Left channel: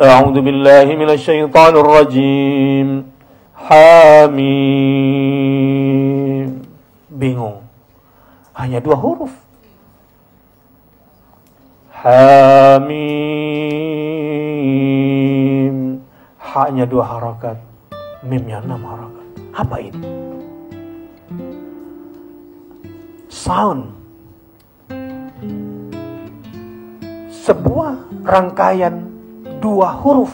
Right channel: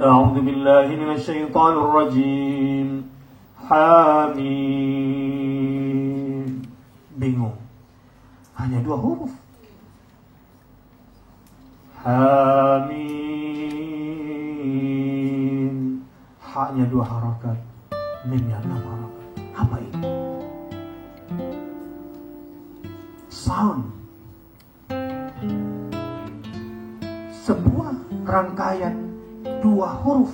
A'udzu billahi minasyaitonir rajim. Hamim. Bingung. Hanya 2 huruf. Hamim. Hanya 2 harakat. Mimnya 6 harakat. Apa ini? Sound. Sebuah rangkaian 2 huruf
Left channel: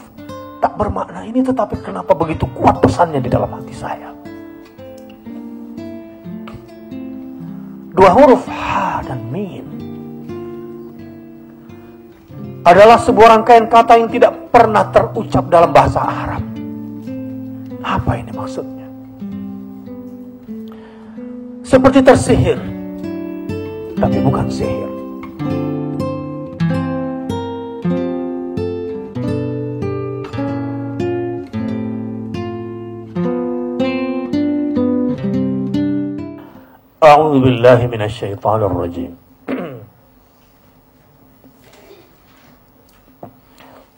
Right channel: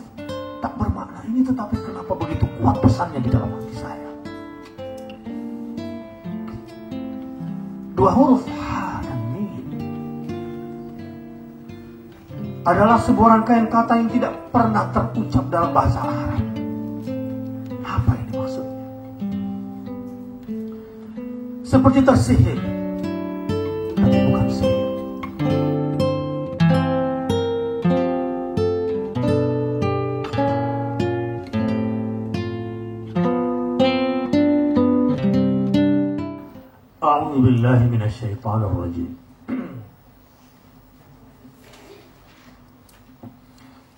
tak bermakna ini, tetapi kenapa begitu kuat pesannya di dalam hati saya? 2 huruf ha dan mim adalah sebuah rangkaian kata yang tidak pernah terucap dalam bahasa Arab. Apa ini maksudnya? Seperti tersihir, tapi bukan sihir. A'udzu billahi minasyaitonir rajim.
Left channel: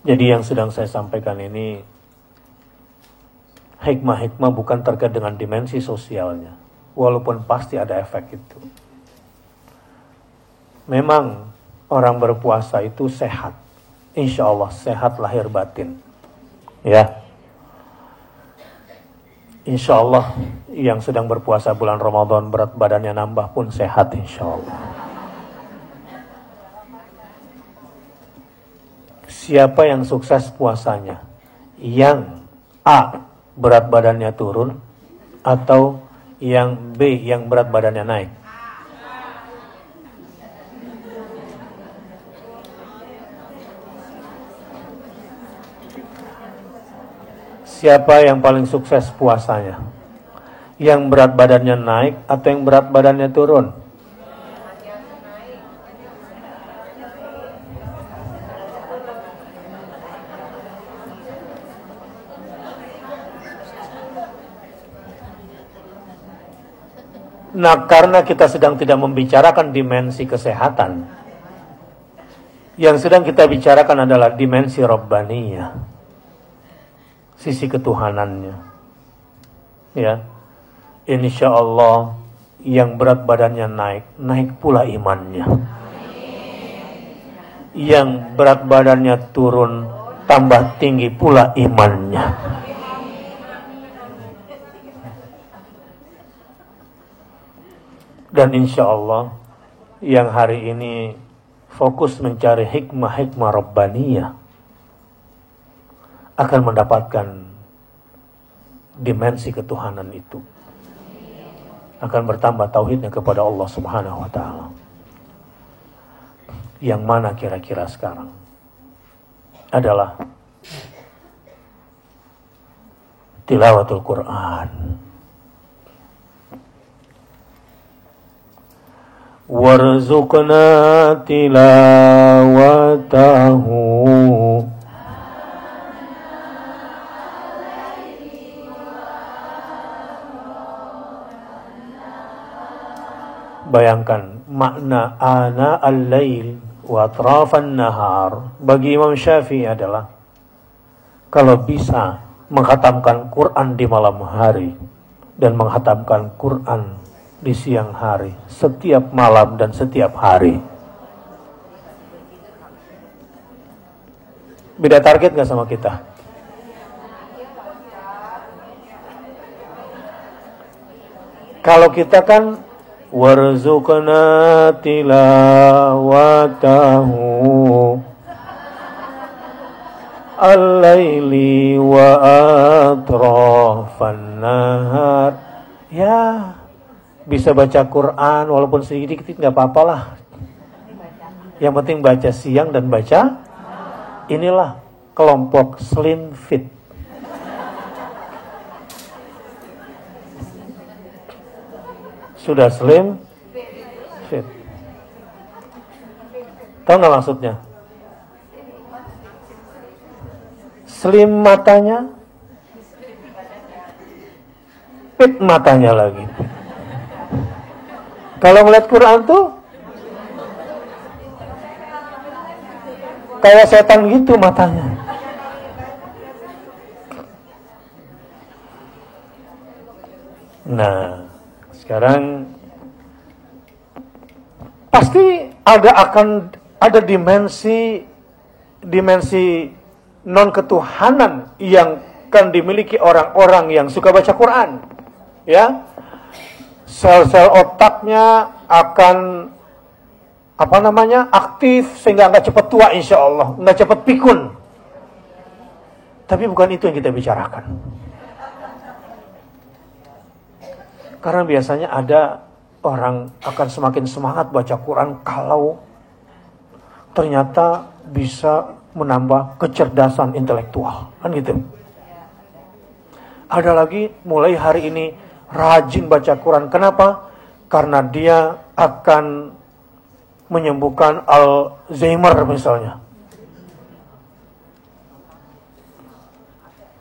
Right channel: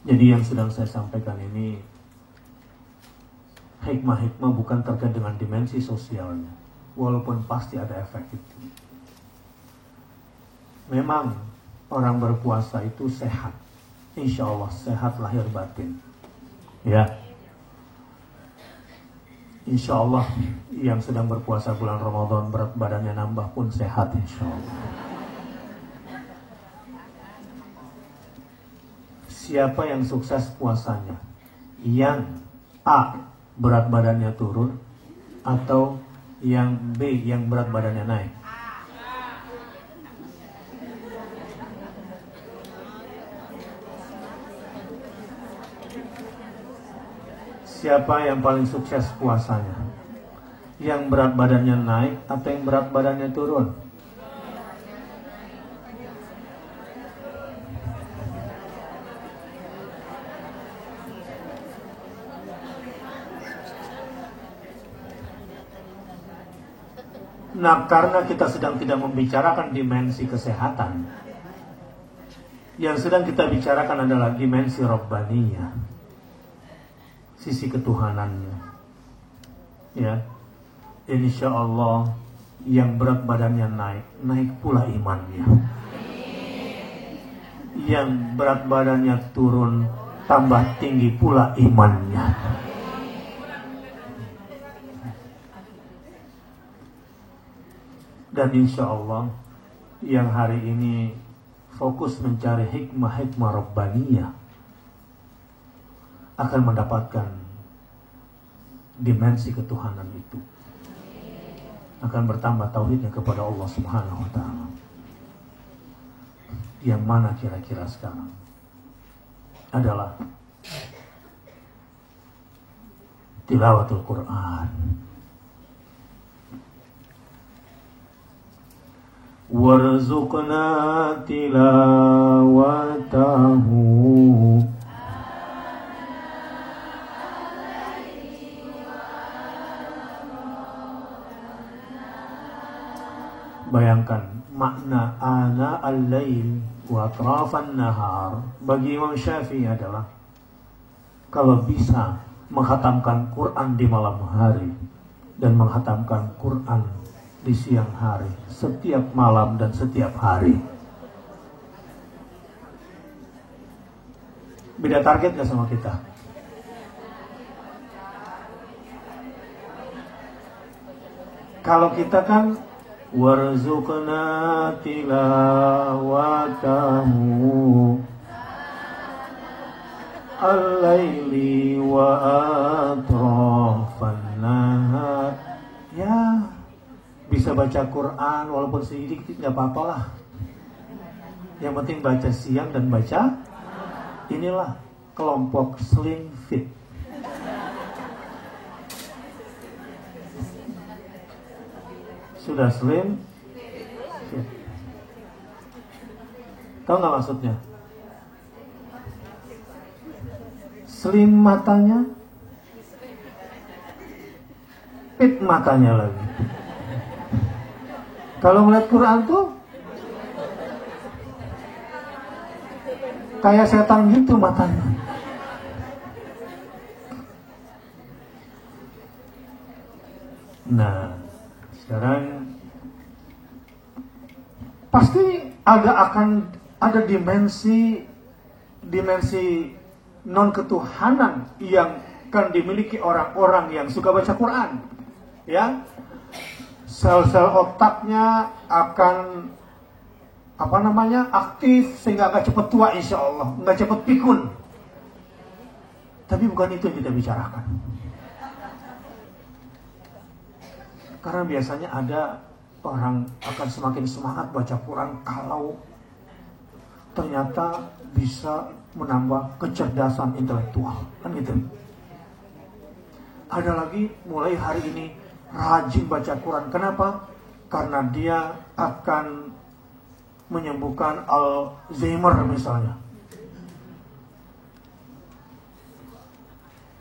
Jadi yang sedang saya sampaikan ini hikmah-hikmah bukan terkait dengan dimensi sosialnya, walaupun pasti ada efek itu. Memang orang berpuasa itu sehat, insya Allah sehat lahir batin, ya. Insya Allah yang sedang berpuasa bulan Ramadan berat badannya nambah pun sehat insya Allah. Siapa yang sukses puasanya? Yang A, berat badannya turun, atau yang B, yang berat badannya naik? Siapa yang paling sukses puasanya? Yang berat badannya naik atau yang berat badannya turun? Nah, karena kita sedang tidak membicarakan dimensi kesehatan, yang sedang kita bicarakan adalah dimensi Rabbaniyah, sisi ketuhanannya. Ya, insya Allah yang berat badannya naik, naik pula imannya. Yang berat badannya turun, tambah tinggi pula imannya. Dan insya Allah yang hari ini fokus mencari hikmah-hikmah Rabbaniyah akan mendapatkan dimensi ketuhanan itu. Akan bertambah tauhidnya kepada Allah Subhanahu wa ta'ala. Yang mana kira-kira sekarang adalah tilawatul Quran. Warzuqna tilawatahu Bayangkan makna ana al-lail wa atrafan nahar bagi Imam Syafi'i adalah kalau bisa menghatamkan Quran di malam hari dan menghatamkan Quran di siang hari, setiap malam dan setiap hari. Beda target gak sama kita? Kalau kita kan warzuqna tilawatahu al-laili wa atrafan nahar. Ya, bisa baca Quran walaupun sedikit nggak apa-apa lah. Yang penting baca siang dan baca. Inilah kelompok slim fit. Sudah slim fit. Tahu nggak maksudnya? Slim matanya, fit matanya lagi. Kalau melihat Quran tuh kayak setan gitu matanya. Nah, sekarang pasti ada dimensi non ketuhanan yang akan dimiliki orang-orang yang suka baca Quran. Ya, sel-sel otaknya akan aktif sehingga nggak cepat tua, insya Allah, nggak cepat pikun. Tapi bukan itu yang kita bicarakan. Karena biasanya ada orang akan semakin semangat baca Quran kalau ternyata bisa menambah kecerdasan intelektual, kan gitu. Ada lagi mulai hari ini rajin baca Quran. Kenapa? Karena dia akan menyembuhkan Alzheimer misalnya.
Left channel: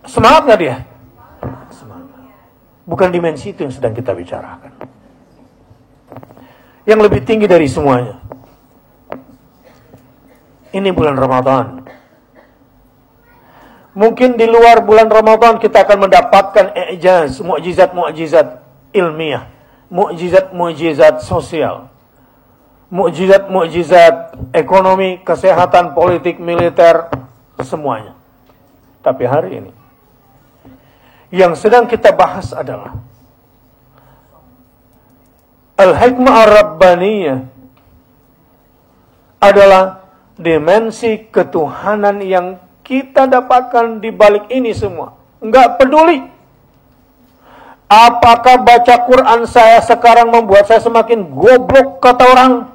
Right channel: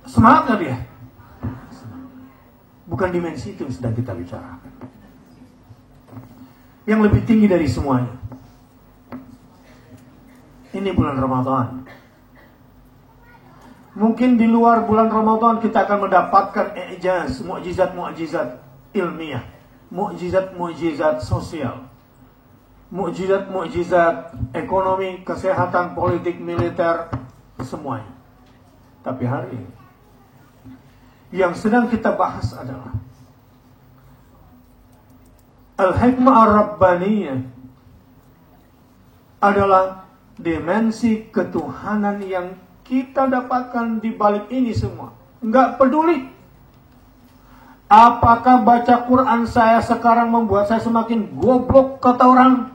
Semangat nggak dia? Semangat. Bukan dimensi itu yang sedang kita bicarakan. Yang lebih tinggi dari semuanya. Ini bulan Ramadan. Mungkin di luar bulan Ramadan kita akan mendapatkan i'jaz, mukjizat-mukjizat ilmiah, mukjizat-mukjizat sosial, mukjizat-mukjizat ekonomi, kesehatan, politik, militer, semuanya. Tapi hari ini yang sedang kita bahas adalah al-hikmah ar-rabbaniyah, adalah dimensi ketuhanan yang kita dapatkan di balik ini semua. Enggak peduli apakah baca Quran saya sekarang membuat saya semakin goblok kata orang.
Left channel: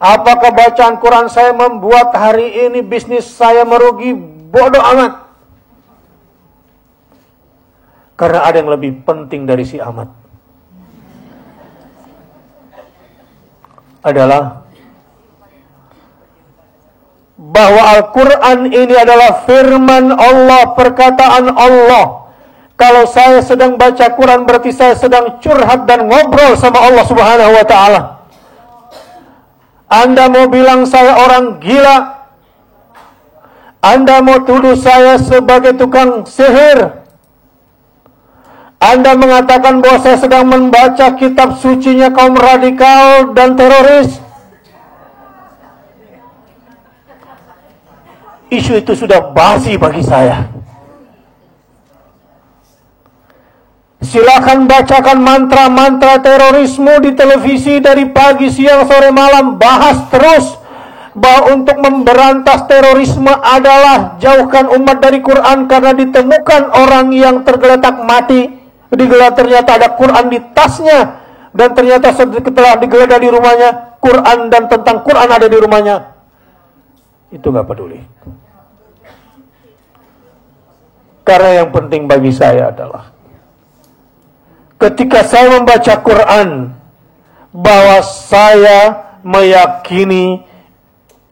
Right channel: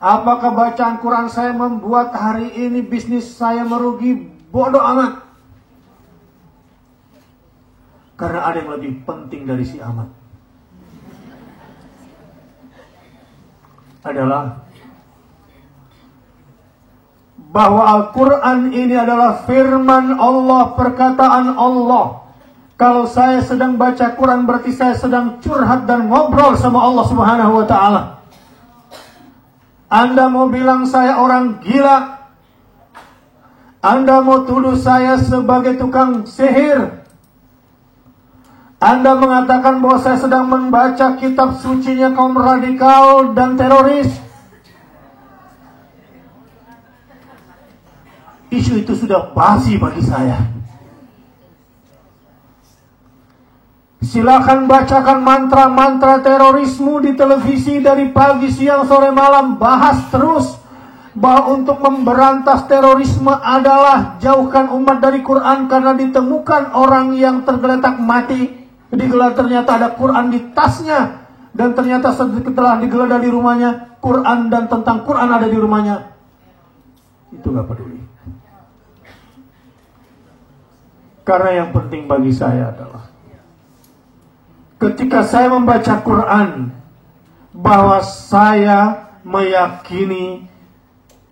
Apakah bacaan Quran saya membuat hari ini bisnis saya merugi, bodoh amat. Karena ada yang lebih penting dari si amat. Adalah bahwa Al-Quran ini adalah firman Allah, perkataan Allah. Kalau saya sedang baca Quran berarti saya sedang curhat dan ngobrol sama Allah Subhanahu wa ta'ala. Anda mau bilang saya orang gila, Anda mau tuduh saya sebagai tukang sihir, Anda mengatakan bahwa saya sedang membaca kitab sucinya kaum radikal dan teroris, isu itu sudah basi bagi saya. Silakan bacakan mantra-mantra terorisme di televisi dari pagi, siang, sore, malam. Bahas terus bahwa untuk memberantas terorisme adalah jauhkan umat dari Quran, karena ditemukan orang yang tergeletak mati. Digeledah ternyata ada Quran di tasnya, dan ternyata setelah digeledah di rumahnya, Quran dan tentang Quran ada di rumahnya. Itu gak peduli. Karena yang penting bagi saya adalah ketika saya membaca Quran, bahwa saya meyakini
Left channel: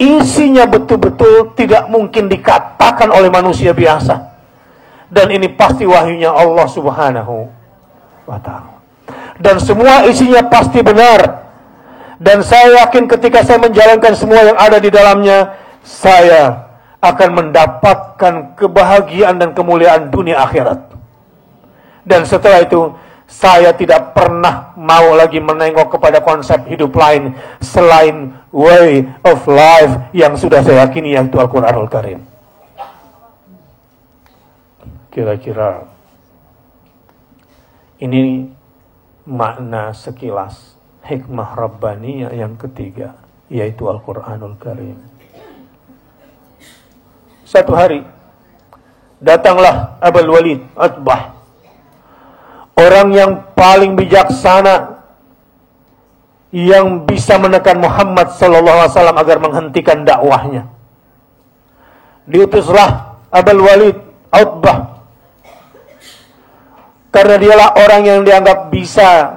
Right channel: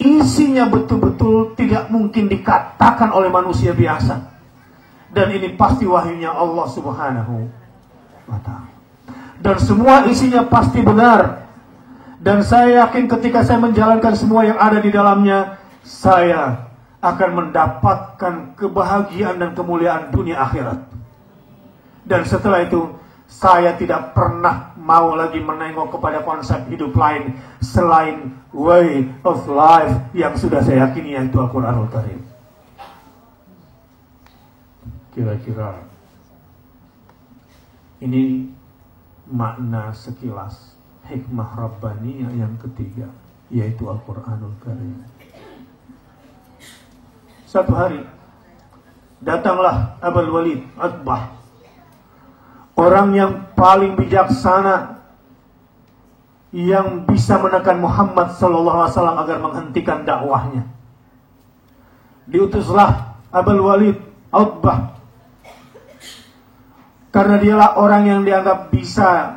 isinya betul-betul tidak mungkin dikatakan oleh manusia biasa. Dan ini pasti wahyunya Allah Subhanahu wa ta'ala. Dan semua isinya pasti benar. Dan saya yakin ketika saya menjalankan semua yang ada di dalamnya, saya akan mendapatkan kebahagiaan dan kemuliaan dunia akhirat. Dan setelah itu, saya tidak pernah mau lagi menengok kepada konsep hidup lain selain way of life yang sudah saya yakini, yaitu Al-Quranul Karim. Kira-kira ini makna sekilas hikmah Rabbaniyah yang ketiga, yaitu Al-Quranul Karim. Satu hari datanglah Abul Walid Utbah, orang yang paling bijaksana yang bisa menekan Muhammad SAW agar menghentikan dakwahnya. Diutuslah Abul Walid Utbah karena dialah orang yang dianggap bisa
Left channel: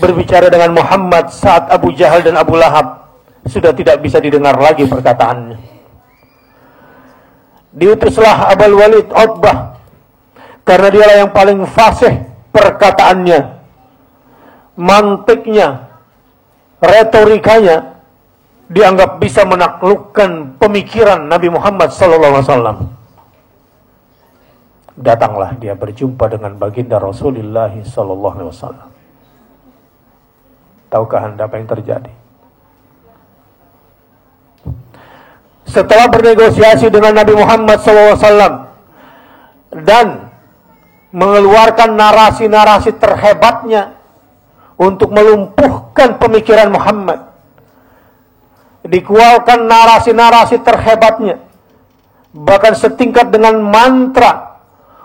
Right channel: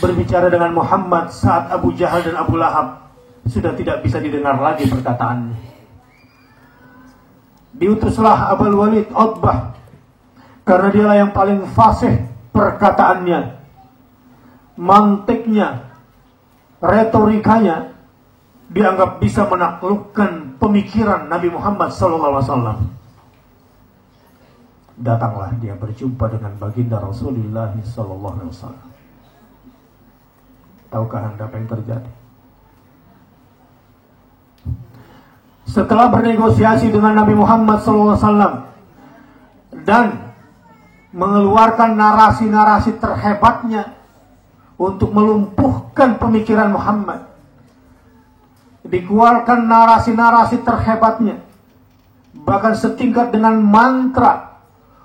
berbicara dengan Muhammad saat Abu Jahal dan Abu Lahab sudah tidak bisa didengar lagi perkataannya. Diutuslah Abul Walid Utbah karena dialah yang paling fasih perkataannya, mantiknya, retorikanya dianggap bisa menaklukkan pemikiran Nabi Muhammad SAW. Datanglah dia berjumpa dengan baginda Rasulullah sallallahu alaihi wasallam. Tahukah Anda apa yang terjadi? Setelah bernegosiasi dengan Nabi Muhammad SAW dan mengeluarkan narasi-narasi terhebatnya untuk melumpuhkan pemikiran Muhammad, dikeluarkan narasi-narasi terhebatnya, bahkan setingkat dengan mantra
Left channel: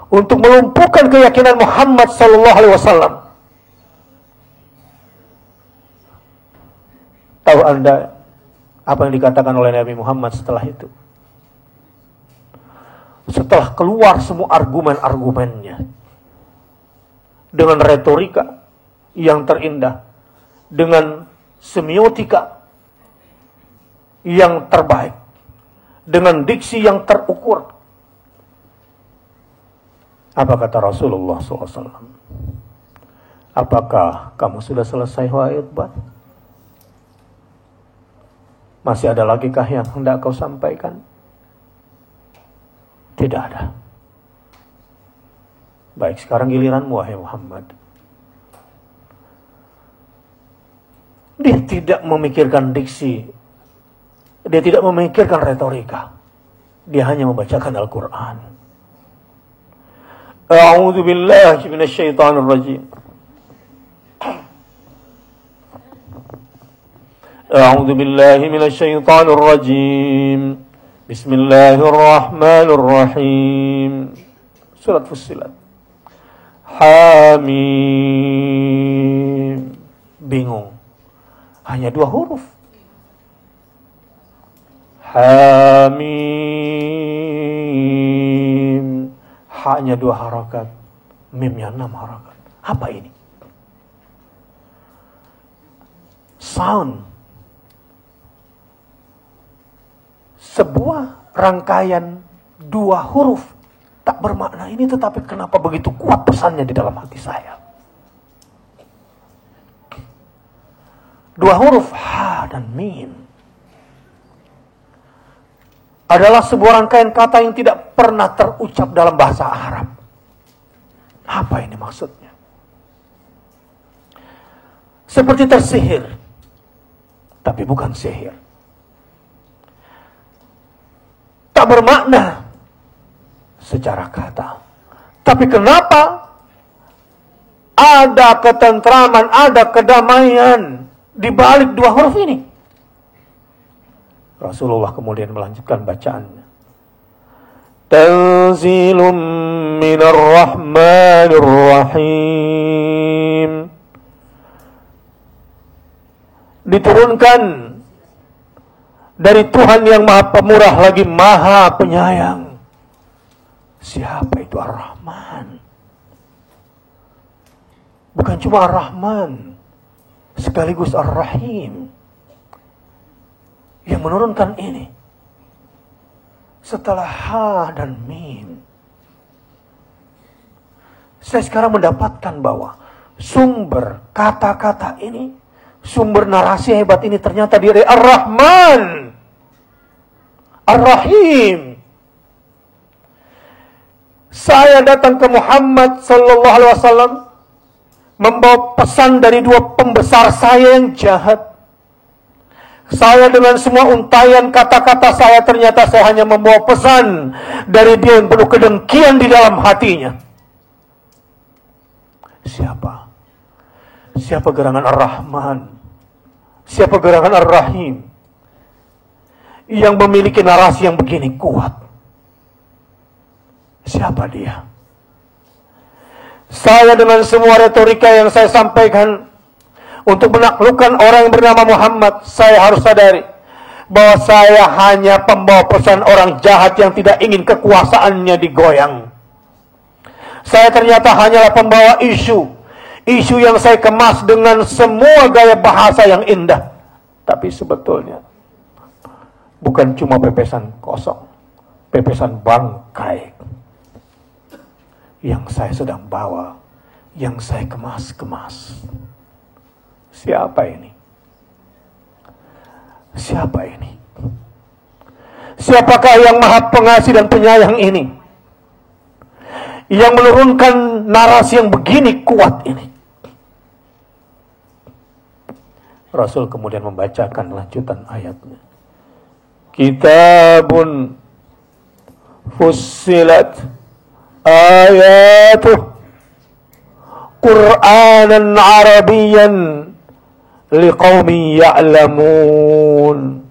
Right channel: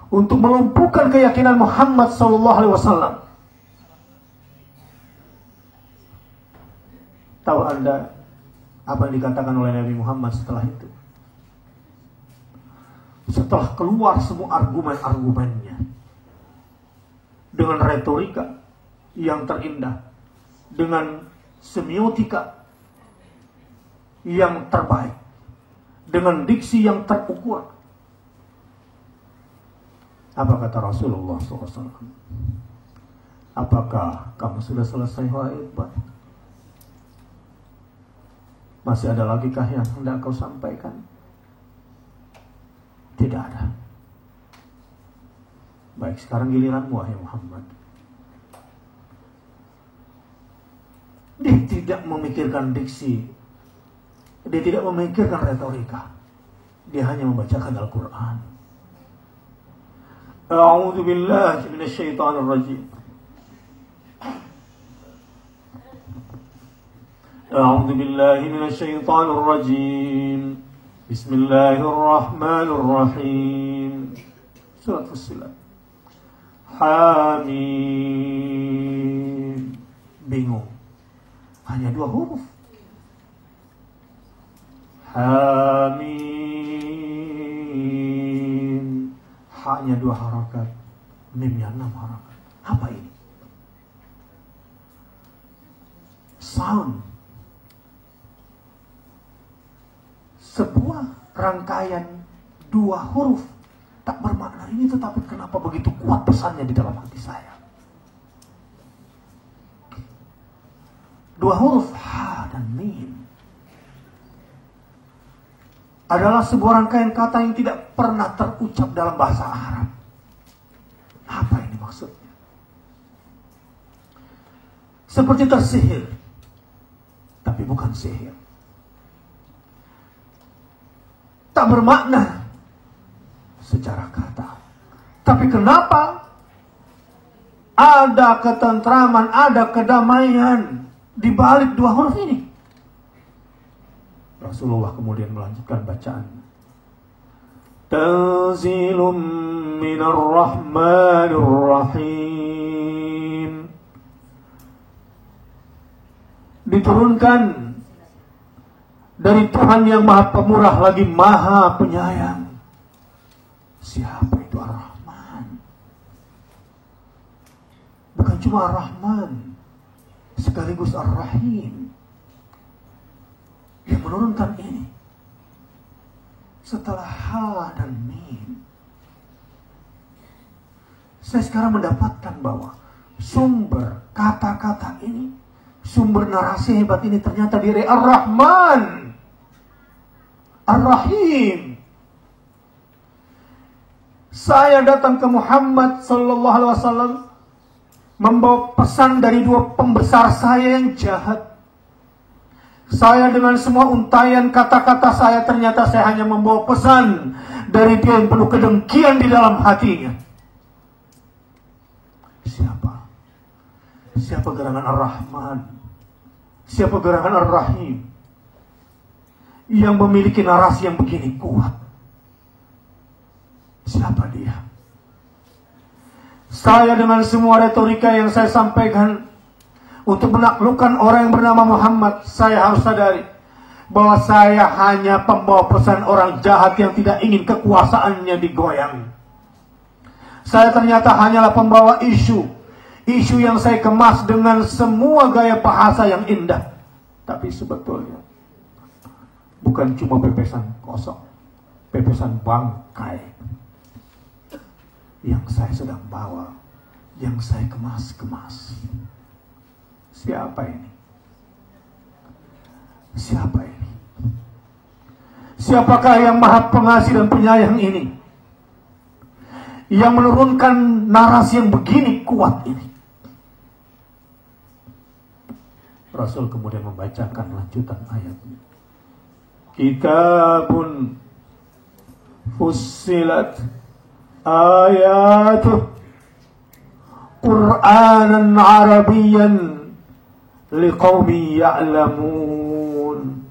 untuk melumpuhkan keyakinan Muhammad SAW. Tahu Anda apa yang dikatakan oleh Nabi Muhammad setelah itu? Setelah keluar semua argumen-argumennya dengan retorika yang terindah, dengan semiotika yang terbaik, dengan diksi yang terukur, apa kata Rasulullah SAW? Apakah kamu sudah selesai wahai Utbah? Masih ada lagi kah yang hendak kau sampaikan? Tidak ada. Baik, sekarang giliranmu wahai Muhammad. Dia tidak memikirkan diksi. Dia tidak memikirkan retorika. Dia hanya membacakan Al-Quran. A'udzu billahi minasyaitonir rajim. A'udzu billahi minasyaitonir rajim. Bismillahirrahmanirrahim. Surat Fussilat. Hamim. Bingung. Hanya 2 huruf. Hamim. Hanya 2 harakat. Mimnya 6 harakat. Apa ini? Sound. Sebuah rangkaian 2 huruf tak bermakna ini, tetapi kenapa begitu kuat pesannya di dalam hati saya? 2 huruf ha dan mim adalah sebuah rangkaian kata yang tidak pernah terucap dalam bahasa Arab. Apa ini maksudnya? Seperti tersihir, tapi bukan sihir. Tak bermakna secara kata. Tapi kenapa ada ketentraman, ada kedamaian di balik 2 huruf ini? Rasulullah kemudian melanjutkan bacaannya. Tanzilum minar rahmanir rahim. Diturunkan dari Tuhan yang Maha Pemurah lagi Maha Penyayang. Siapa itu Ar-Rahman? Bukan cuma Ar-Rahman, sekaligus Ar-Rahim yang menurunkan ini setelah ha dan mim. Saya sekarang mendapatkan bahwa sumber kata-kata ini, sumber narasi hebat ini ternyata dari Ar-Rahman, Ar-Rahim. Saya datang ke Muhammad sallallahu alaihi wasallam membawa pesan dari 2 pembesar saya yang jahat. Saya dengan semua untayan kata-kata saya, ternyata saya hanya membawa pesan dari dia yang penuh kedengkian di dalam hatinya. Siapa? Siapa gerangan Ar-Rahman? Siapa gerangan Ar-Rahim yang memiliki narasi yang begini kuat? Siapa dia? Saya dengan semua retorika yang saya sampaikan untuk menaklukkan orang yang bernama Muhammad, saya harus sadari bahwa saya hanya pembawa pesan orang jahat yang tidak ingin kekuasaannya digoyang. Saya ternyata hanyalah pembawa isu yang saya kemas dengan semua gaya bahasa yang indah. Tapi sebetulnya bukan cuma pepesan kosong, pepesan bangkai yang saya sedang bawa, yang saya kemas-kemas. Siapa ini? Siapa ini? Siapakah yang Maha Pengasih dan Penyayang ini? yang menurunkan narasi yang begini kuat ini? Rasul kemudian membacakan lanjutan ayatnya. Kitabun fussilat ayatuh Qur'anan Arabiyyan liqaumin ya'lamun.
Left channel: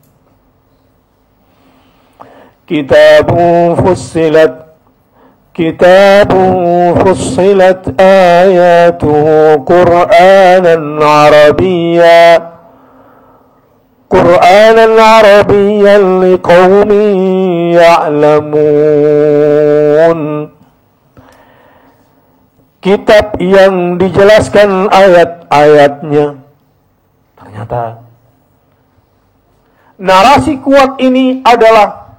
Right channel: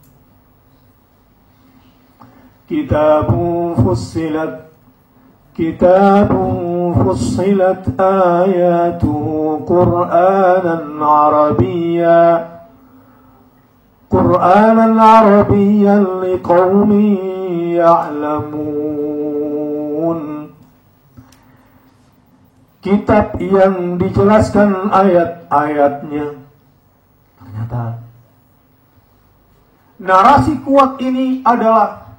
Kitabun fussilat ayatuh Qur'anan Arabiyyan liqaumin ya'lamun. Kitab yang dijelaskan ayat-ayatnya. Ternyata narasi kuat ini adalah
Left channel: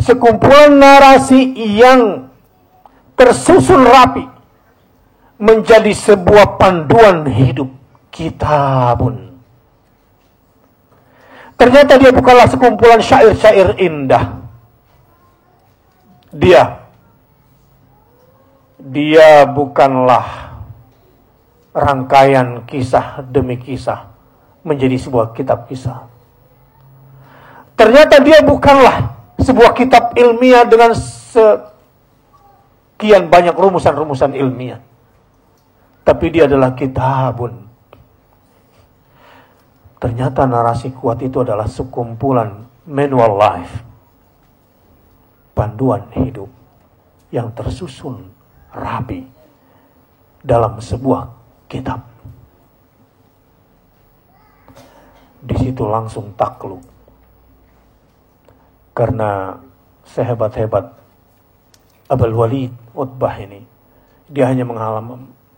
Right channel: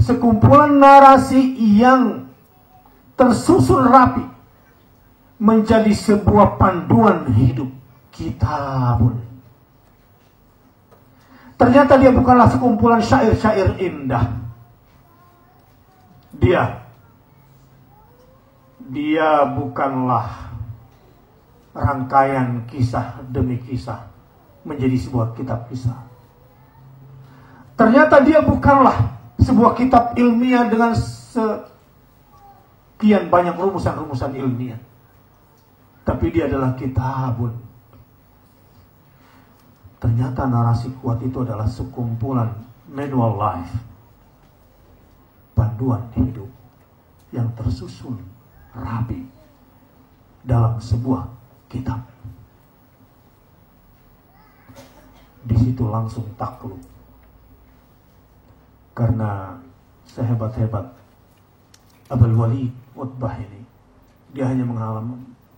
sekumpulan narasi yang tersusun rapi menjadi sebuah panduan hidup. Kitabun. Ternyata dia bukanlah sekumpulan syair-syair indah. Dia bukanlah rangkaian kisah demi kisah menjadi sebuah kitab kisah. Ternyata dia bukanlah sebuah kitab ilmiah dengan sekian banyak rumusan-rumusan ilmiah. Tapi dia adalah kitabun. Ternyata narasi kuat itu adalah sekumpulan manual life, panduan hidup yang tersusun rapi dalam sebuah kitab. Di situ langsung takluk. Karena sehebat-hebat Abul Walid Utbah ini, dia hanya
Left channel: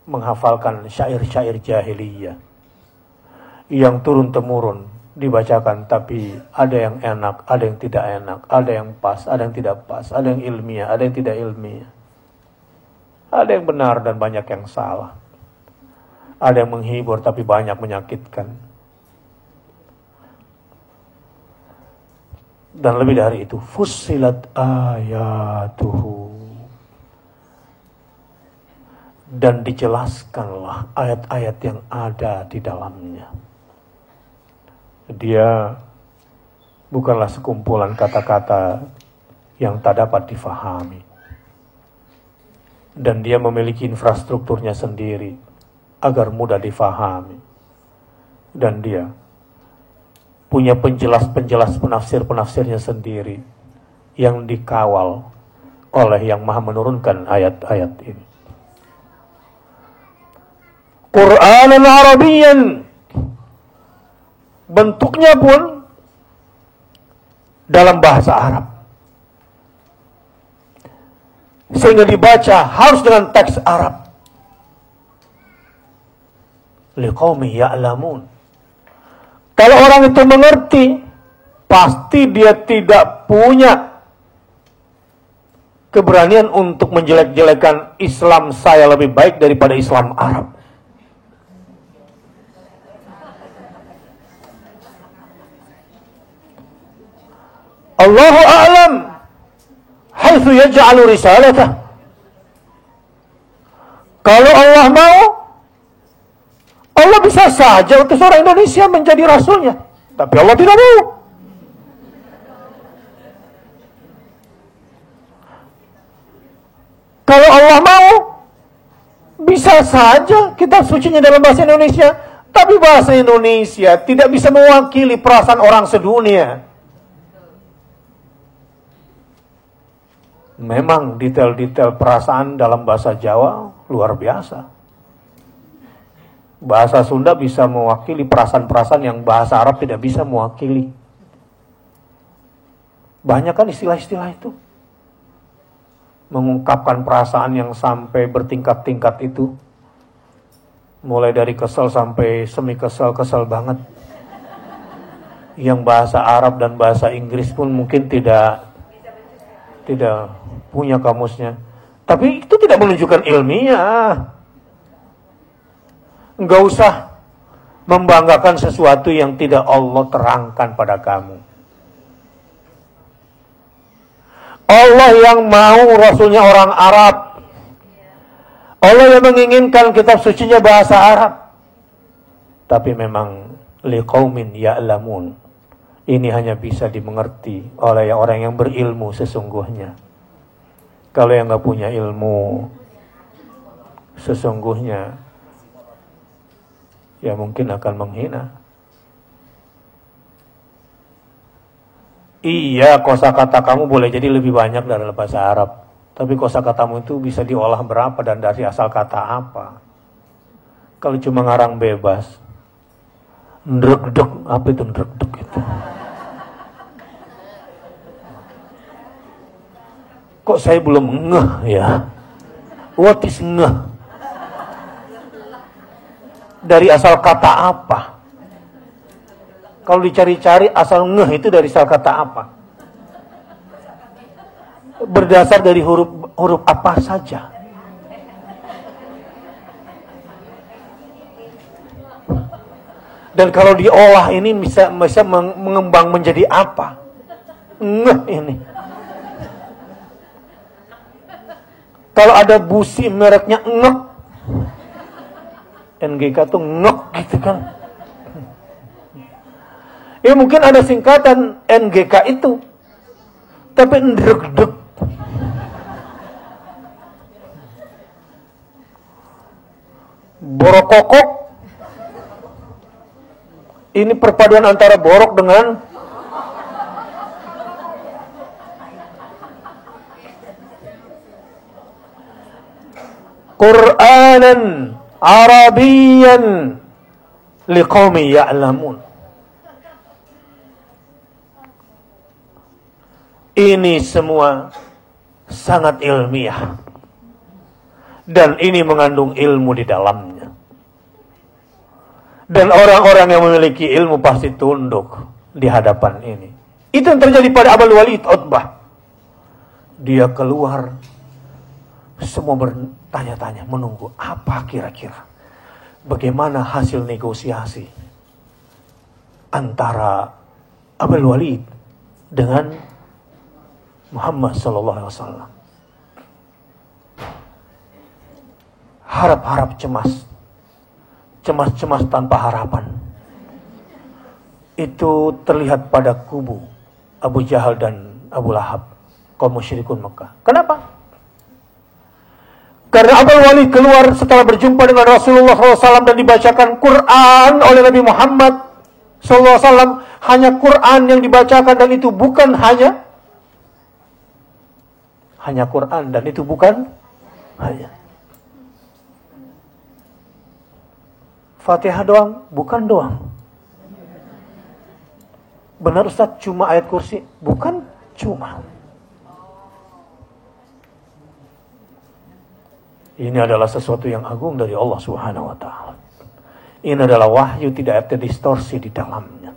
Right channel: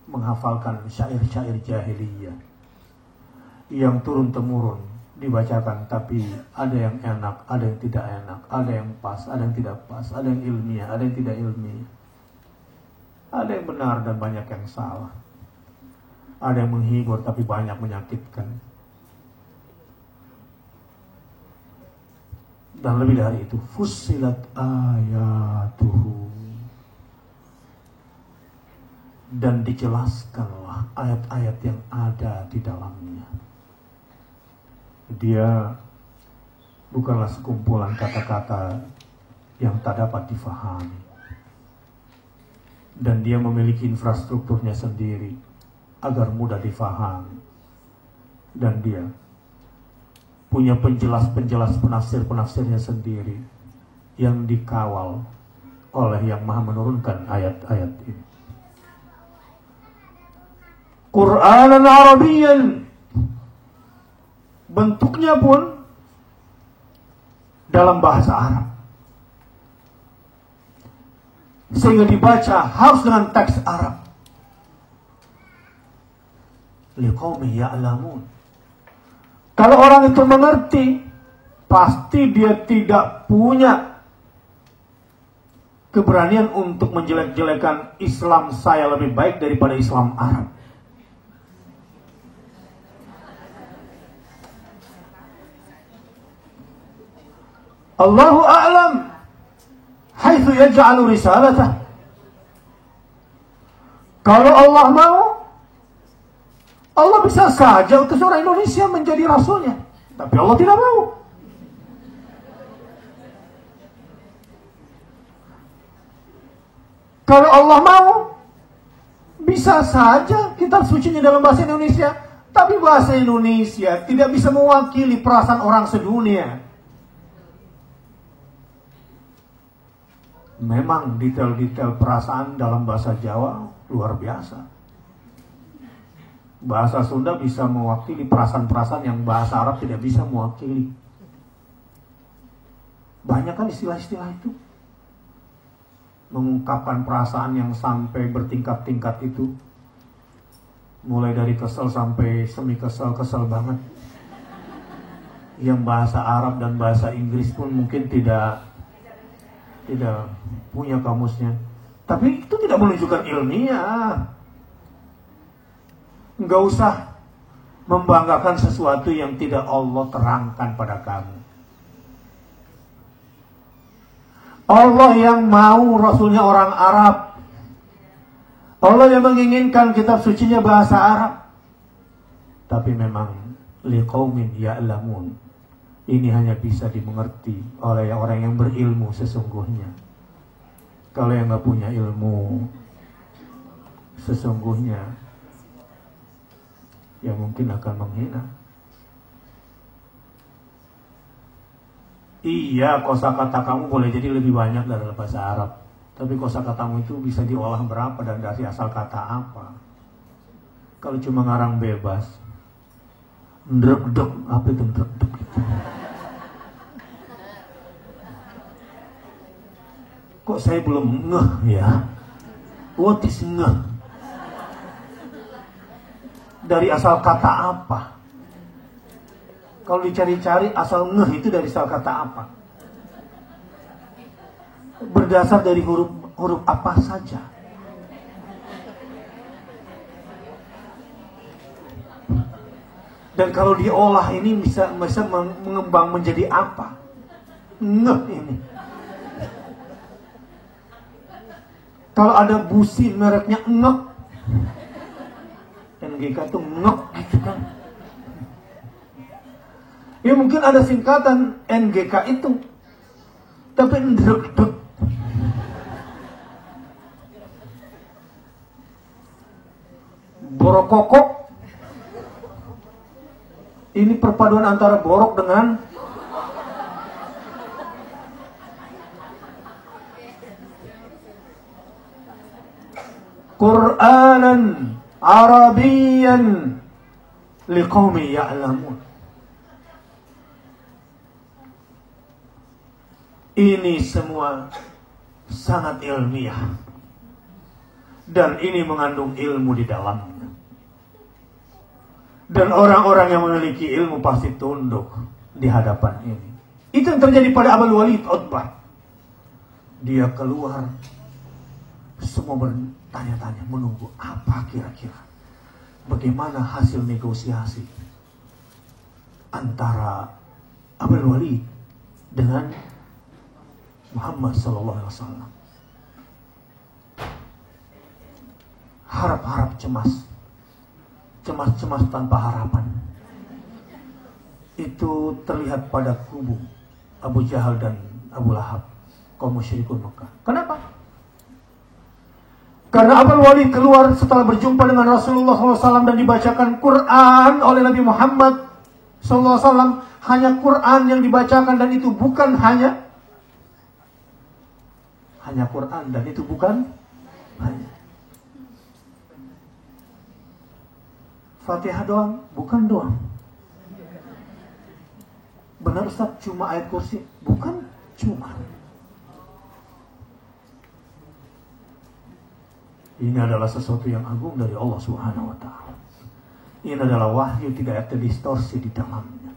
menghafalkan syair-syair jahiliyah yang turun-temurun dibacakan, tapi ada yang enak, ada yang tidak enak, ada yang pas, ada yang tidak pas, ada yang ilmiah, ada yang tidak ilmiah, ada yang benar dan banyak yang salah, ada yang menghibur tapi banyak menyakitkan, dan lebih dari itu, fussilat ayatuhu, dan dijelaskanlah ayat-ayat yang ada di dalamnya. Dia bukanlah sekumpulan kata-kata yang tak dapat difahami. Dan dia memiliki infrastrukturnya sendiri agar mudah difahami. Dan dia punya penjelas-penjelas penafsir-penafsirnya sendiri yang dikawal oleh yang maha menurunkan ayat-ayat ini. Qur'anan Arabiyyan, bentuknya pun dalam bahasa Arab, sehingga dibaca harus dengan teks Arab. Liqaumin ya'lamun. Kalau orang itu mengerti, pasti dia tidak punya keberanian untuk menjelek-jelekan Islam saya lebih baik daripada Islam Arab. Allahu a'lam haitsu yaj'alu risalatah. Kalau Allah mau, Allah bisa saja utus orang Indonesia menjadi rasulnya. Tapi Allah tidak mau. Kalau Allah mau, bisa saja kitab sucinya dalam bahasa Indonesia. Tapi bahasa Indonesia tidak bisa mewakili perasaan orang sedunia. Memang detail-detail perasaan dalam bahasa Jawa luar biasa. Bahasa Sunda bisa mewakili perasaan-perasaan yang bahasa Arab tidak bisa mewakili. Banyak kan istilah-istilah itu. Mengungkapkan perasaan yang sampai bertingkat-tingkat itu. Mulai dari kesel sampai semi kesel banget. Yang bahasa Arab dan bahasa Inggris pun mungkin tidak punya kamusnya. Tapi itu tidak menunjukkan ilmiah. Enggak usah membanggakan sesuatu yang tidak Allah terangkan pada kamu. Allah yang mau Rasulnya orang Arab, Allah yang menginginkan kitab sucinya bahasa Arab. Tapi memang liqaumin ya'lamun. Ini hanya bisa dimengerti oleh orang yang berilmu sesungguhnya. Kalau yang nggak punya ilmu sesungguhnya, ya mungkin akan menghina. Iya, kosakata kamu boleh jadi lebih banyak dari bahasa Arab. Tapi kosakatamu itu bisa diolah berapa dan dari asal kata apa? Kalau cuma ngarang bebas, ndrek-dek, apa itu ndrek-dek gitu? Kok saya belum ngeh ya? What is ngeh? Dari asal kata apa? Kalau dicari-cari asal ngeh itu dari asal kata apa? Berdasar dari huruf apa saja. Dan kalau diolah ini bisa mengembang menjadi apa? Ngeh ini. Kalau ada busi mereknya ngek, NGK tuh ngek gitu kan. Ya mungkin ada singkatan NGK itu, tapi ndrek-dek. Borokokok. Ini perpaduan antara borok dengan Qur'anan Arabiyan liqaumi ya'lamun. Ini semua sangat ilmiah. Dan ini mengandung ilmu di dalamnya. Dan orang-orang yang memiliki ilmu pasti tunduk di hadapan ini. Itu yang terjadi pada Abul Walid Utbah. Dia keluar, semua bertanya-tanya, menunggu apa kira-kira. Bagaimana hasil negosiasi antara Abul Walid dengan Muhammad sallallahu alaihi wasallam. Harap-harap cemas. Cemas-cemas tanpa harapan. Itu terlihat pada kubu Abu Jahal dan Abu Lahab, kaum musyrikun Mekah. Kenapa? Karena Abul Walid keluar setelah berjumpa dengan Rasulullah SAW dan dibacakan Quran oleh Nabi Muhammad SAW. Hanya Quran yang dibacakan dan itu bukan hanya Quran dan itu bukan hanya Fatihah doang, bukan doang. Benar Ustaz, cuma ayat kursi? Bukan cuma. Ini adalah sesuatu yang agung dari Allah Subhanahu wa ta'ala. Ini adalah wahyu, tidak ada distorsi di dalamnya.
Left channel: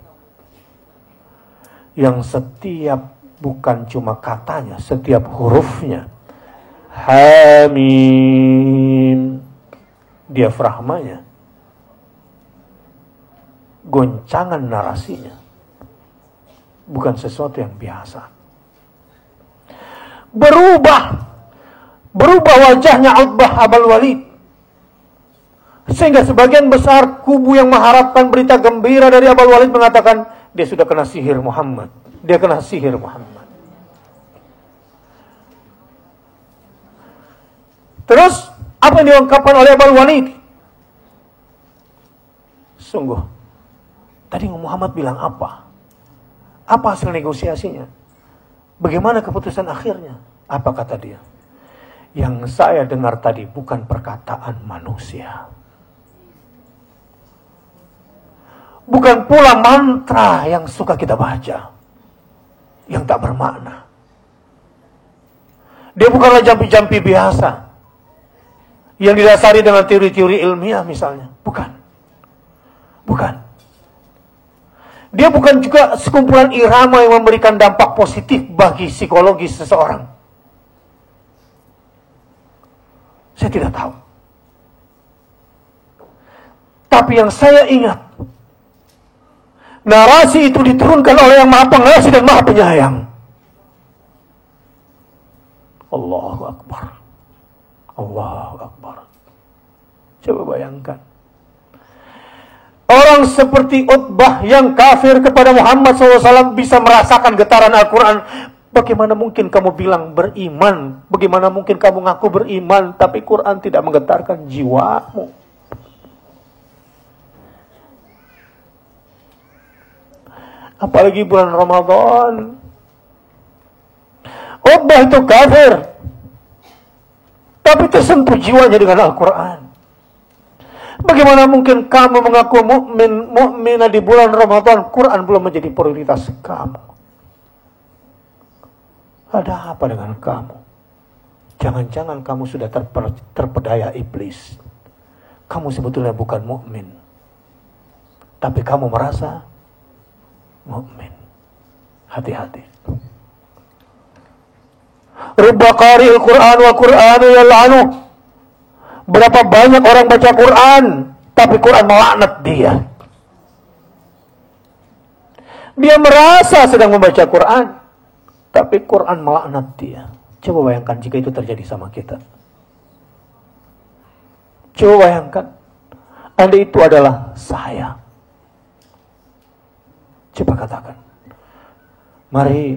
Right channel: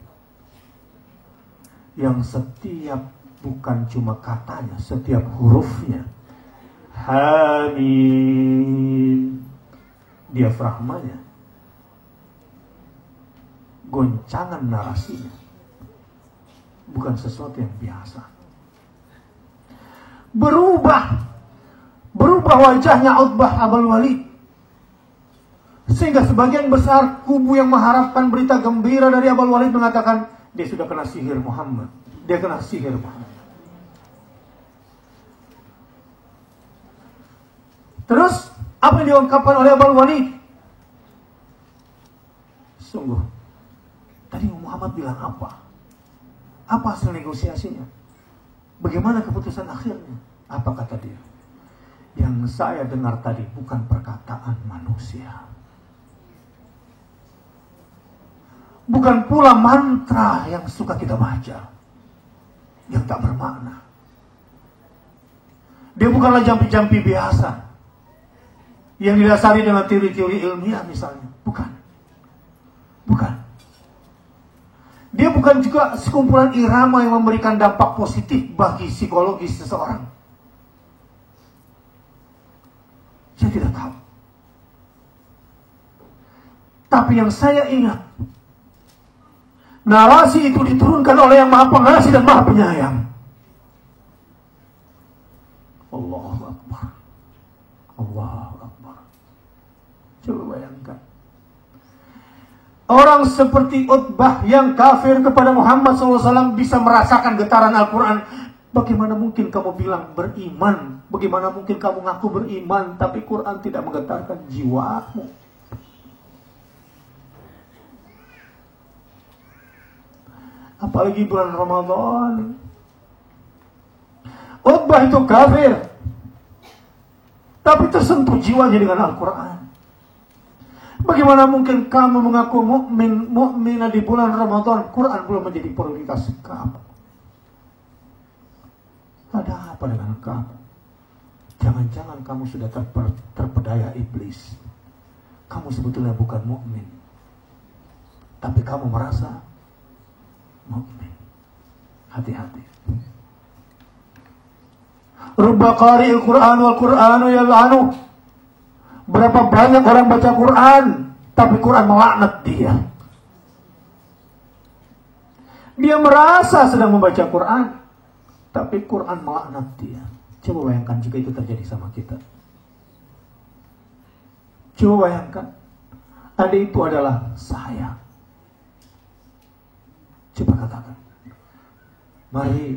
Yang setiap, bukan cuma katanya, setiap hurufnya. Hamim. Diafragmanya. Goncangan narasinya. Bukan sesuatu yang biasa. Berubah wajahnya Utbah Abul Walid. Sehingga sebagian besar kubu yang mengharapkan berita gembira dari Abul Walid mengatakan, dia sudah kena sihir Muhammad. Dia kena sihir Muhammad. Terus, apa yang diungkapkan oleh Abul Walid? Sungguh, tadi Muhammad bilang apa? Apa hasil negosiasinya? Bagaimana keputusan akhirnya? Apa kata dia? Yang saya dengar tadi bukan perkataan manusia. Bukan pula mantra yang suka kita baca. Yang tak bermakna. Dia bukanlah jampi-jampi biasa. Yang didasari dengan teori-teori ilmiah misalnya. Bukan. Dia bukan juga sekumpulan irama yang memberikan dampak positif bagi psikologis seseorang. Saya tidak tahu. Tapi yang saya ingat, narasi itu diturunkan oleh yang Maha Pengasih dan Maha Penyayang. Allahu Akbar. Allahu Akbar. Coba bayangkan. Orang seperti Utbah yang kafir kepada Muhammad SAW bisa merasakan getaran Al-Quran. Bagaimana mungkin kamu bilang beriman? Bagaimana mungkin kamu ngaku beriman, tapi Quran tidak menggetarkan jiwamu? Apalagi bulan Ramadan. Utbah itu kafir, tapi tersentuh jiwanya dengan Al-Quran. Bagaimana mungkin kamu mengaku mukminah di bulan Ramadan, Quran belum menjadi prioritas kamu? Ada apa dengan kamu? Jangan-jangan kamu sudah terpedaya iblis. Kamu sebetulnya bukan mukmin, tapi kamu merasa mukmin. Hati-hati. Rubba qari'il Qur'an wa Qur'anu yal'anu. Berapa banyak orang baca Quran, tapi Quran melaknat dia. Dia merasa sedang membaca Quran, tapi Quran melaknat dia. Coba bayangkan jika itu terjadi sama kita. Coba bayangkan, Anda itu adalah saya. Coba katakan. Mari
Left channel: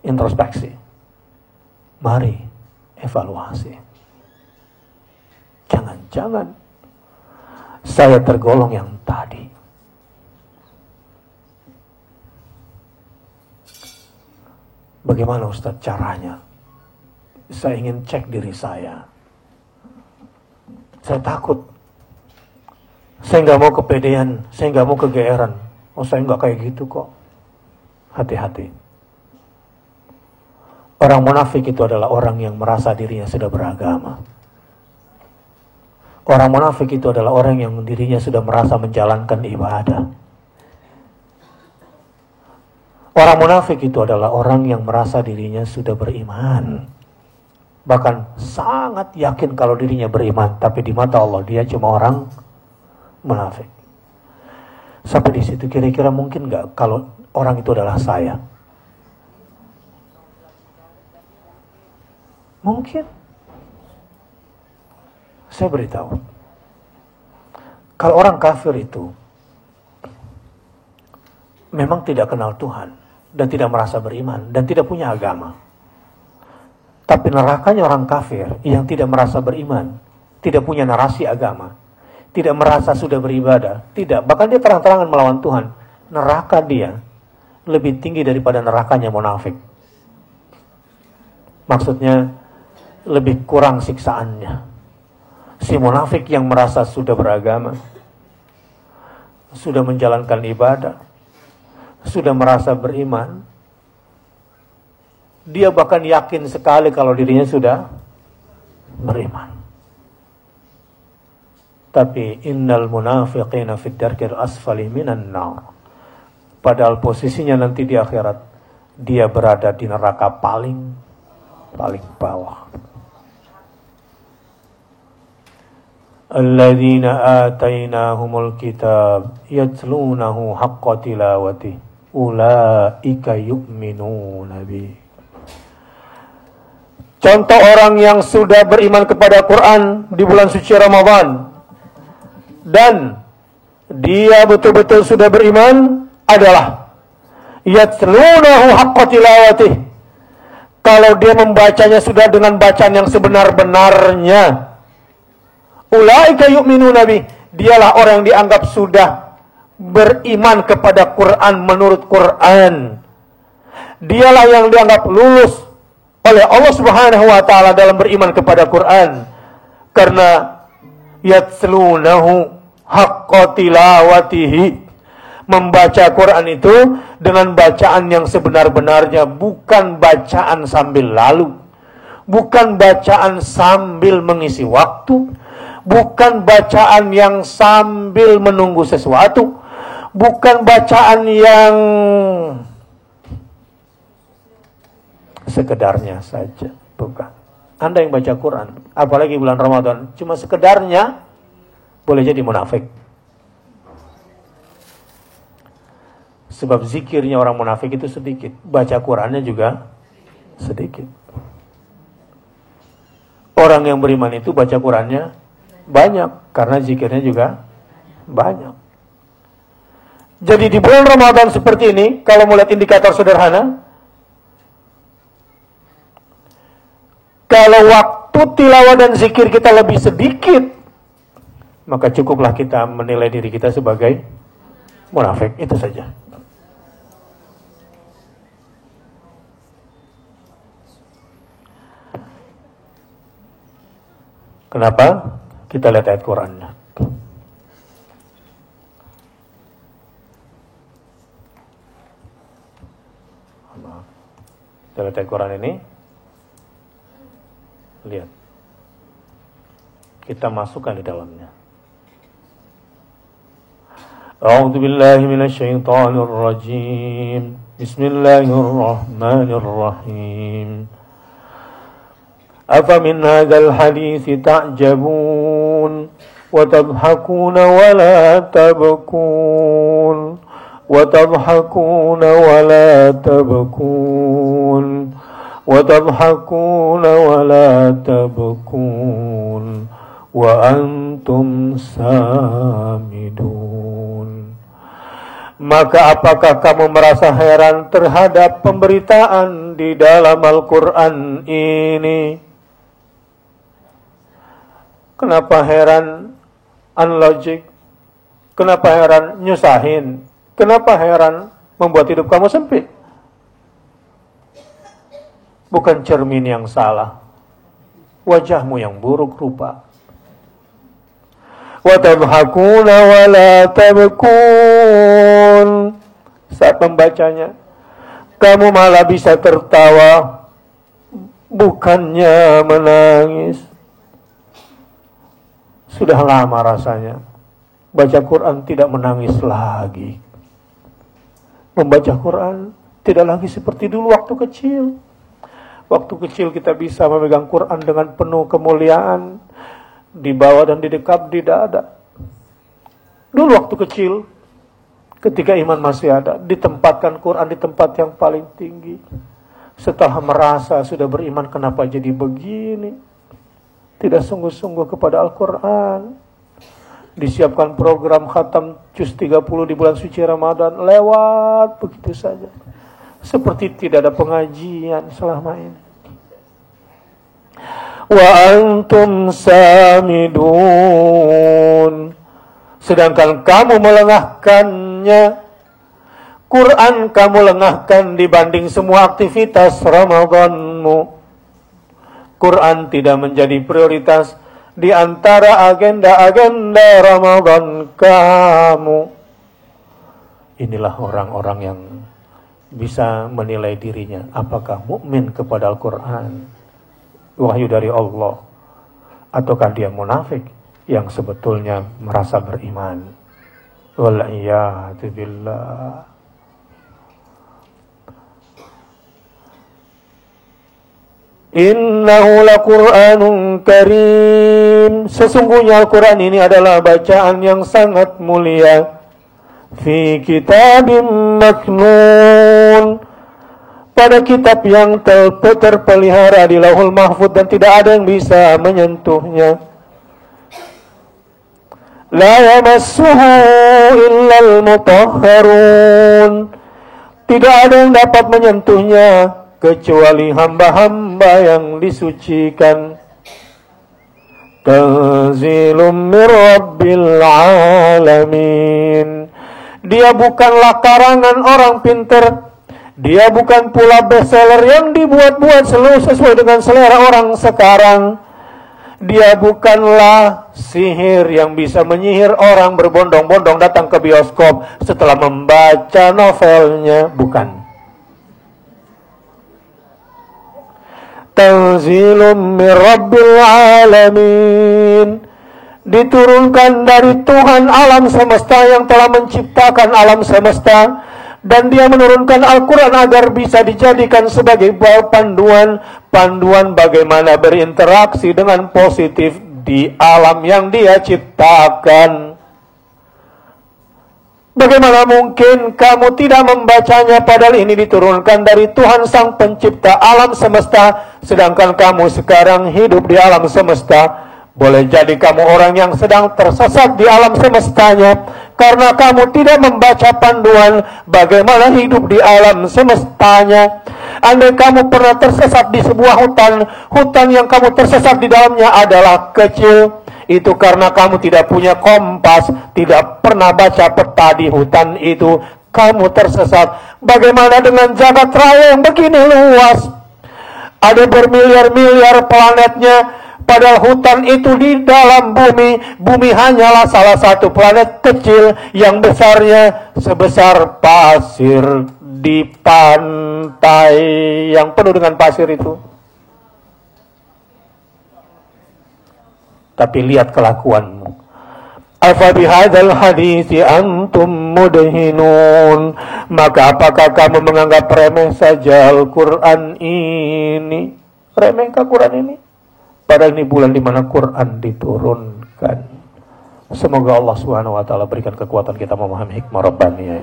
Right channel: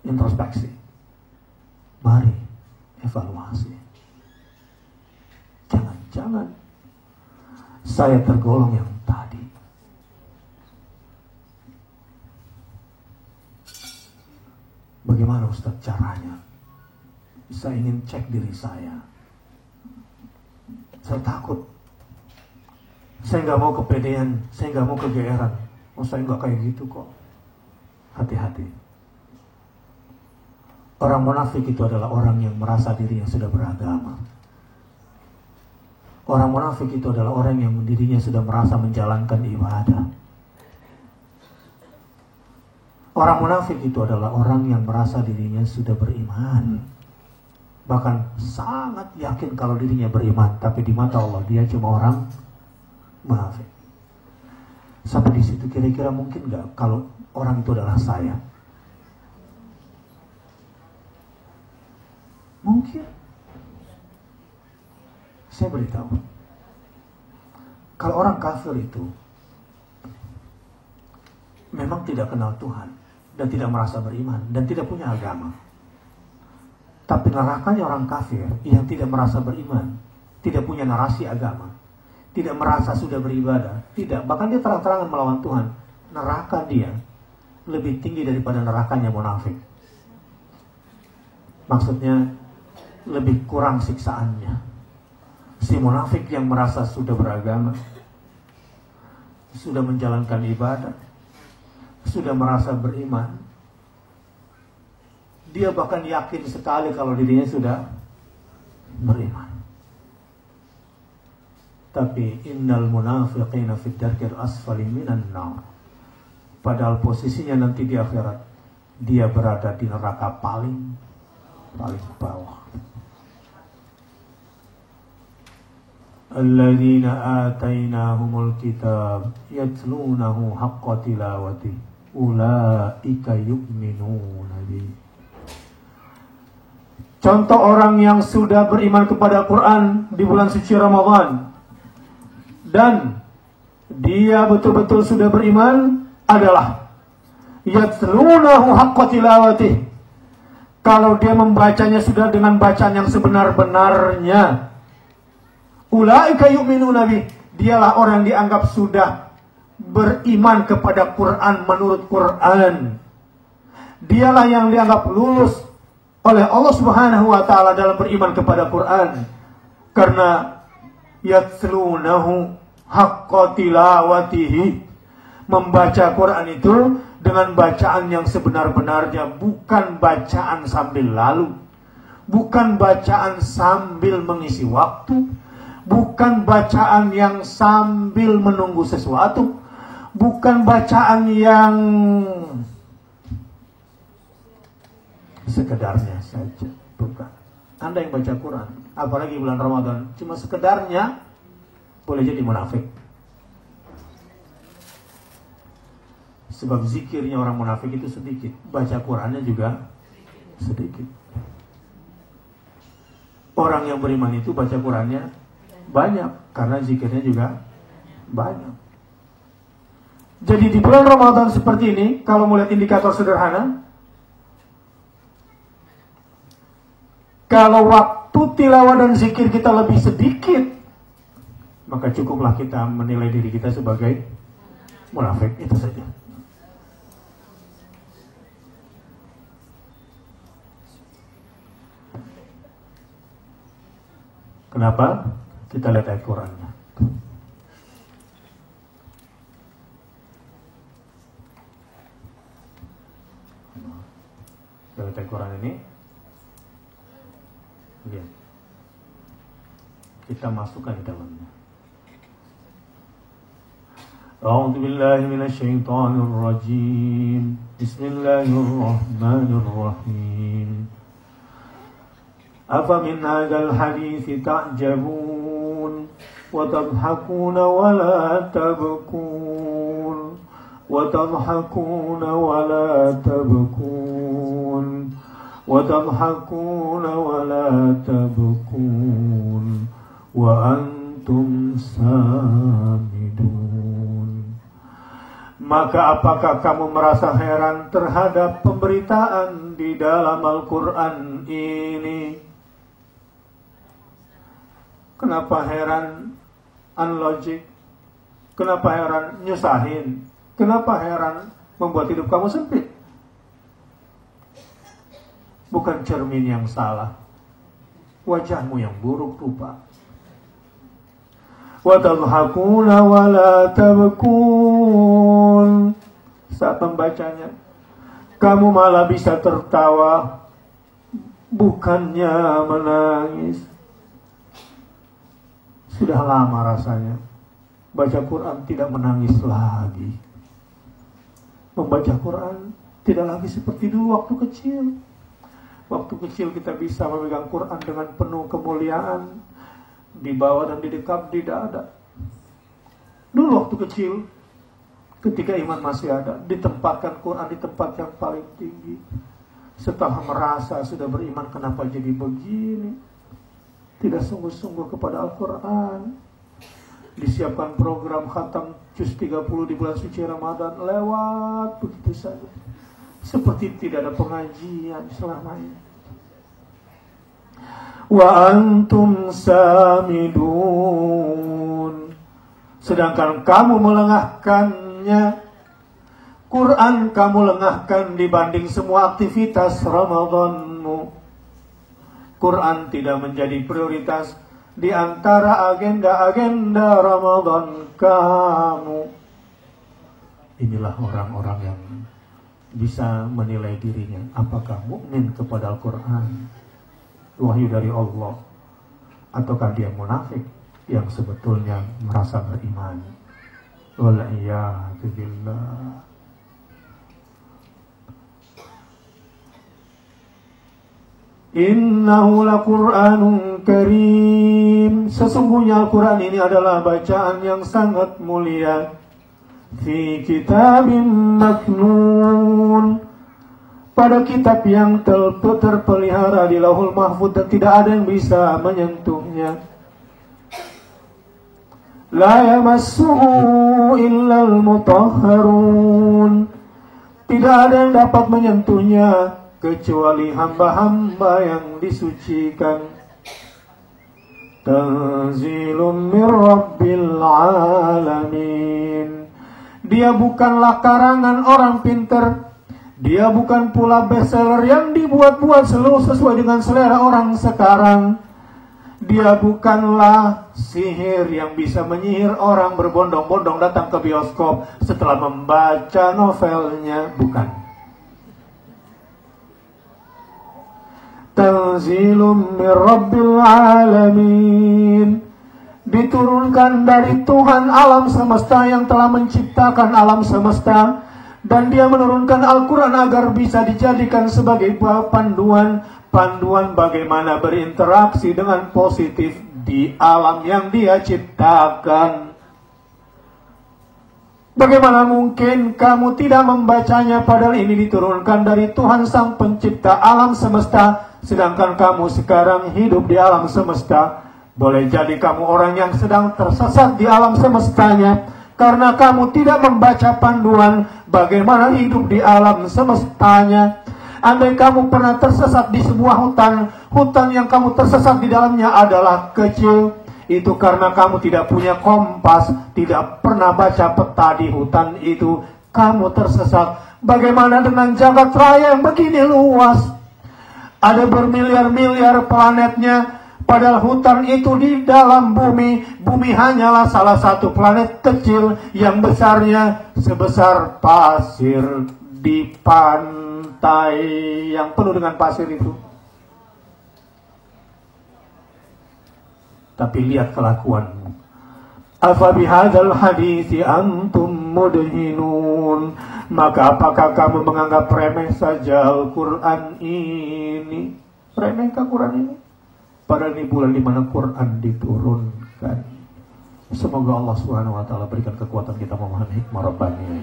introspeksi. Mari evaluasi. Jangan-jangan saya tergolong yang tadi. Bagaimana Ustaz caranya? Saya ingin cek diri saya. Saya takut. Saya nggak mau kepedean. Saya nggak mau kegeeran. Oh, saya nggak kayak gitu kok. Hati-hati. Orang munafik itu adalah orang yang merasa dirinya sudah beragama. Orang munafik itu adalah orang yang dirinya sudah merasa menjalankan ibadah. Orang munafik itu adalah orang yang merasa dirinya sudah beriman. Bahkan sangat yakin kalau dirinya beriman, tapi di mata Allah dia cuma orang munafik. Sampai di situ kira-kira mungkin nggak kalau orang itu adalah saya? Mungkin. Saya beritahu, kalau orang kafir itu memang tidak kenal Tuhan dan tidak merasa beriman dan tidak punya agama. Tapi nerakanya orang kafir yang tidak merasa beriman, tidak punya narasi agama, tidak merasa sudah beribadah, tidak, bahkan dia terang-terangan melawan Tuhan. Neraka dia lebih tinggi daripada nerakanya munafik. Maksudnya lebih kurang siksaannya. Si munafik yang merasa sudah beragama, sudah menjalankan ibadah, sudah merasa beriman, dia bahkan yakin sekali kalau dirinya sudah beriman. Tapi innal munafiqina fid darkil asfali minan nar. Padahal posisinya nanti di akhirat dia berada di neraka paling bawah. Alladzina atainahumul kitab yatlunahu haqqa tilawati ulaika yu'minuna bih. Contoh orang yang sudah beriman kepada Quran di bulan suci Ramadan dan dia betul-betul sudah beriman adalah yatlunahu haqqa tilawati. Kalau dia membacanya sudah dengan bacaan yang sebenar-benarnya, ulaika yu'minuna bih, dialah orang yang dianggap sudah beriman kepada Quran menurut Quran. Dialah yang dianggap lulus oleh Allah Subhanahu wa taala dalam beriman kepada Quran. Karena yatlunahu haqqa tilawatihi, membaca Quran itu dengan bacaan yang sebenar-benarnya, bukan bacaan sambil lalu, bukan bacaan sambil mengisi waktu, bukan bacaan yang sambil menunggu sesuatu, bukan bacaan yang sekedarnya saja, bukan. Anda yang baca Quran, apalagi bulan Ramadan, cuma sekedarnya, boleh jadi munafik. Sebab zikirnya orang munafik itu sedikit, baca Qurannya juga sedikit. Orang yang beriman itu baca Qurannya banyak, karena zikirnya juga banyak. Jadi di bulan Ramadan seperti ini, kalau melihat indikator sederhana, kalau waktu tilawah dan zikir kita lebih sedikit, maka cukuplah kita menilai diri kita sebagai munafik. Itu saja. Kenapa? Kita lihat ayat Qurannya. Kita lihat ayat Quran ini. Lihat. Kita masukkan di dalamnya. A'udzu billahi minasy syaithanir rajim. Bismillahirrahmanirrahim. Afamin hadzal hadits ta'jabun wa tadhakuna wa la tabkun wa tadhakuna wa la tabkun wa tadhakuna wa la tabkun wa antum samidun. Maka apakah kamu merasa heran terhadap pemberitaan di dalam Al-Quran ini? Kenapa heran unlogic? Kenapa heran nyusahin? Kenapa heran membuat hidup kamu sempit? Bukan cermin yang salah, wajahmu yang buruk rupa. Wa tabhakuna wa la tabkun. Saat membacanya, kamu malah bisa tertawa, bukannya menangis. Sudah lama rasanya baca Quran tidak menangis lagi. Membaca Quran tidak lagi seperti dulu waktu kecil. Waktu kecil kita bisa memegang Quran dengan penuh kemuliaan, di bawah dan di dekat di dada. Dulu waktu kecil, ketika iman masih ada, ditempatkan Quran di tempat yang paling tinggi. Setelah merasa sudah beriman, kenapa jadi begini? Tidak sungguh-sungguh kepada Al-Quran. Disiapkan program khatam juz 30 di bulan suci Ramadan, lewat begitu saja. Seperti tidak ada pengajian selama ini. Wa antum samidun. Sedangkan kamu melengahkannya. Quran kamu lengahkan dibanding semua aktivitas Ramadanmu. Quran tidak menjadi prioritas di antara agenda-agenda Ramadan kamu. Inilah orang-orang yang bisa menilai dirinya apakah mukmin kepada Al-Quran, wahyu dari Allah, ataukah dia munafik yang sebetulnya merasa beriman. Wal-iyadu billah. Innahu laqur'anun karim. Sesungguhnya Al-Quran ini adalah bacaan yang sangat mulia. Fi kitabim maknun. Pada kitab yang terpelihara di Lauhul Mahfuz dan tidak ada yang bisa menyentuhnya. La yamassuhu illal mutahharun. Tidak ada yang dapat menyentuhnya kecuali hamba-hamba yang disucikan. Tanzilum mir rabbil alamin. Dia bukanlah karangan orang pintar. Dia bukan pula bestseller yang dibuat-buat sesuai dengan selera orang sekarang. Dia bukanlah sihir yang bisa menyihir orang berbondong-bondong datang ke bioskop setelah membaca novelnya. Bukan. Tanzilum mir rabbil alamin. Diturunkan dari Tuhan alam semesta yang telah menciptakan alam semesta. Dan dia menurunkan Al-Quran agar bisa dijadikan sebagai panduan bagaimana berinteraksi dengan positif di alam yang dia ciptakan. Bagaimana mungkin kamu tidak membacanya padahal ini diturunkan dari Tuhan Sang Pencipta alam semesta, sedangkan kamu sekarang hidup di alam semesta Boleh jadi kamu orang yang sedang tersesat di alam semestanya karena kamu tidak membaca panduan bagaimana hidup di alam semestanya. Andai kamu pernah tersesat di sebuah hutan yang kamu tersesat di dalamnya adalah kecil, itu karena kamu tidak punya kompas, tidak pernah baca peta di hutan itu, kamu tersesat. Bagaimana dengan jagat raya yang begini luas? Ada bermiliar-miliar planetnya, padahal hutan itu di dalam bumi. Bumi hanyalah salah satu planet kecil yang besarnya sebesar pasir di pantai yang penuh dengan pasir itu. Tapi lihat kelakuanmu. Afa bihadzal haditsi antum mudhinun. Maka apakah kamu menganggap remeh saja Al-Quran ini? Remehkah Quran ini? Padahal ini bulan di mana Quran diturunkan. Semoga Allah Subhanahu wa taala berikan kekuatan kita memahami hikmah Rabbaniyah.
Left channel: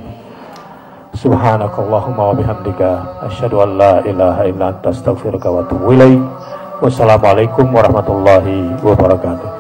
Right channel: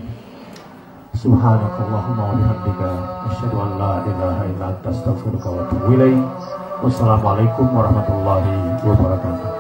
Subhanakallahumma wa bihamdika asyhadu an la ilaha illa anta astaghfiruka wa atubu ilaik. Wassalamualaikum warahmatullahi wabarakatuh.